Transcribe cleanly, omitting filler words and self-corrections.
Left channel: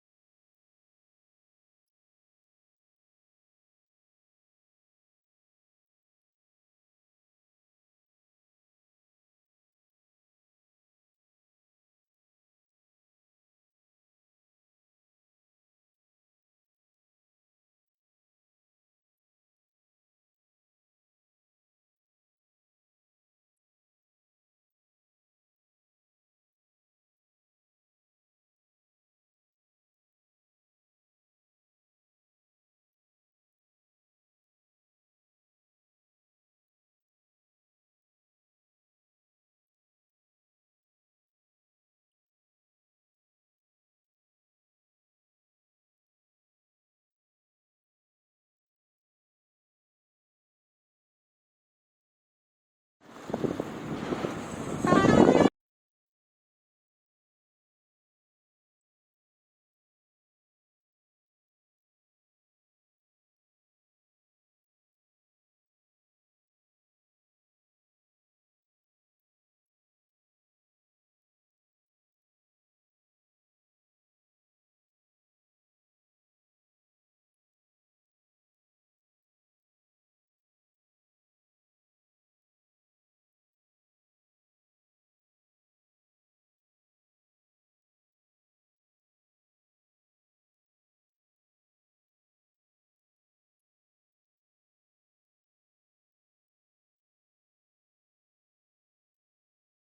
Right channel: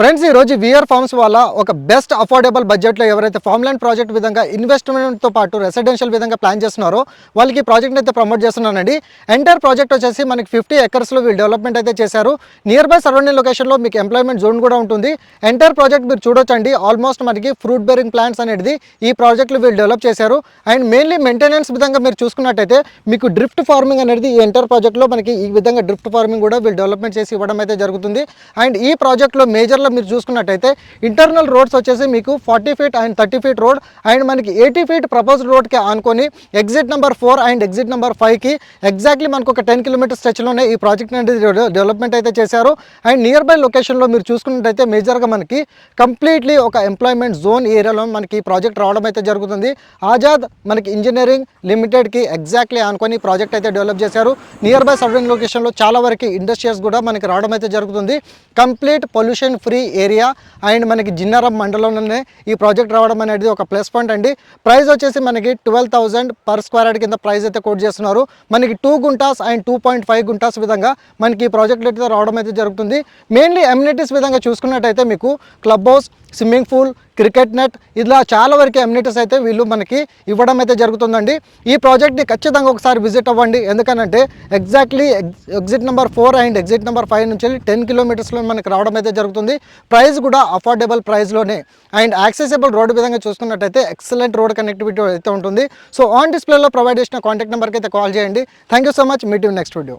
Friends ఈ రోజు VR forms వల్ల ఒక బెస్ట్ అఫోర్డబుల్ బడ్జెట్లో ఎవరైతే ఫార్మ్ ల్యాండ్ ప్రాజెక్ట్ విధంగా ఇన్వెస్ట్మెంట్తో పాటు రెసిడెన్షియల్ విధంగా ప్లాన్ చేస్తున్నారో వాళ్ళకి ప్రాజెక్ట్ అయితే ప్రమోట్ చేస్తున్నానండి. ఎంటైర్ ప్రాజెక్ట్ వచ్చేసి మనకి 50 ఎకర్స్లో వీళ్ళు డెవలప్మెంట్ అయితే చేశారు. నియర్ బై సరౌండింగ్ లొకేషన్లో మీకు ఎంప్లాయ్మెంట్ జోన్ కూడా ఉంటుంది. ఎంటైర్ ప్రాజెక్ట్ మీరు చూడొచ్చండి. ఆల్మోస్ట్ మనకి ఫ్రూట్ బేరింగ్ ప్లాంట్స్ అనేది ఈ ప్రాజెక్ట్లో వీళ్ళు డెవలప్ చేశారు. అండ్ మెయిన్లీ మెయింటెనెన్స్ విధంగా మీరు చూసుకున్నట్టయితే మీకు డ్రిఫ్ట్ ఫార్మింగ్ అనేది ఈ ఎంటైర్ ప్రాజెక్ట్లో మనకి ఈ విధంగా డ్రిఫ్ట్ ఫార్మింగ్ కూడా వీళ్ళు డెవలప్మెంట్ చేసి ఇవ్వడం అయితే జరుగుతుంది. అండ్ ఈ ప్రాజెక్ట్లో మేజర్లో మీరు చూసుకున్నట్టయితే ఇంటర్నల్ రోడ్స్ వచ్చేసి మీకు 40 feet and 30 feet road and మనకి 80 ఫీట్ ప్రపోజ్డ్ రోడ్కి ఆనుకొని exit number 4 and exit number 5కి ఎగ్జాక్ట్లీ మనకు ఒక 10 కిలోమీటర్ స్ట్రెచ్లోనే ఈ ప్రాజెక్ట్ అనేది డెవలప్మెంట్ అయితే చేశారు. అండ్ నియర్ బై లొకేషన్లో మీరు చూసుకున్నట్టయితే మేజర్గా మనకి కంప్లీట్లీ ఒక ఎంప్లాయ్మెంట్ జోన్ ఏరియాలో మనకి ఈ ప్రాజెక్ట్ రావడం అయితే జరుగుతుంది. ఆజాద్ మనకి ఇంజనీరింగ్ లిమిటెడ్కి ఎగ్జాక్ట్లీ ఆనుకొని ఈ ప్రాజెక్ట్ అయితే డెవలప్ చేశారు. నియర్ బై సరౌండింగ్ లొకేషన్లో చాలా వరకు ఇండస్ట్రీస్ కూడా మనకి రావడం అయితే జరుగుతుంది. Complete pollution free area and మనకి జిన్నారం మండలంలోనే ఈ ప్రాజెక్ట్ రావడం అనేది ఒక ప్లస్ పాయింట్ అండి. ప్రైస్ వచ్చేసి మనకి 12,000 పర్ స్క్వేర్ యార్డ్ కింద ప్రైస్ అయితే కోట్ చేస్తున్నారు. మనకి 2 గుంటాస్ అండ్ 2.5 గుంటాస్ విధంగా మనకి ఈ ప్రాజెక్ట్ అయితే రావడం అయితే జరుగుతుంది. మెయిన్లీ ఎమ్యూనిటీస్ విధంగా చూసుకున్నట్టయితే మీకు club house, swimming pool, cricket net ఇలా చాలా వరకు ఎమ్యూనిటీస్ అయితే వీళ్ళు మనకి ఇవ్వడం అయితే జరుగుతుందండి. ఈ ప్రాజెక్ట్ని ఖచ్చితంగా ఒకసారి విజిట్ అవ్వండి. ఎందుకనంటే exactly exit number 4 and exit number 5 నుంచి 10 కిలోమీటర్స్లో మనకి రావడం అయితే జరుగుతుంది. ప్రైస్ కూడా అఫోర్డబుల్ ప్రైస్లోనే అండ్ యాక్సెసిబుల్ రోడ్ విధంగా చూసుకున్నట్టయితే ఎక్సలెంట్ రోడ్ కనెక్టివిటీ అయితే ఉంటుంది. సో ఆన్ డిస్ప్లేలో ప్రొవైడ్ చేసిన కాంటాక్ట్ నెంబర్కి అయితే కాల్ చేయండి. Thank you so much. Meet you next video.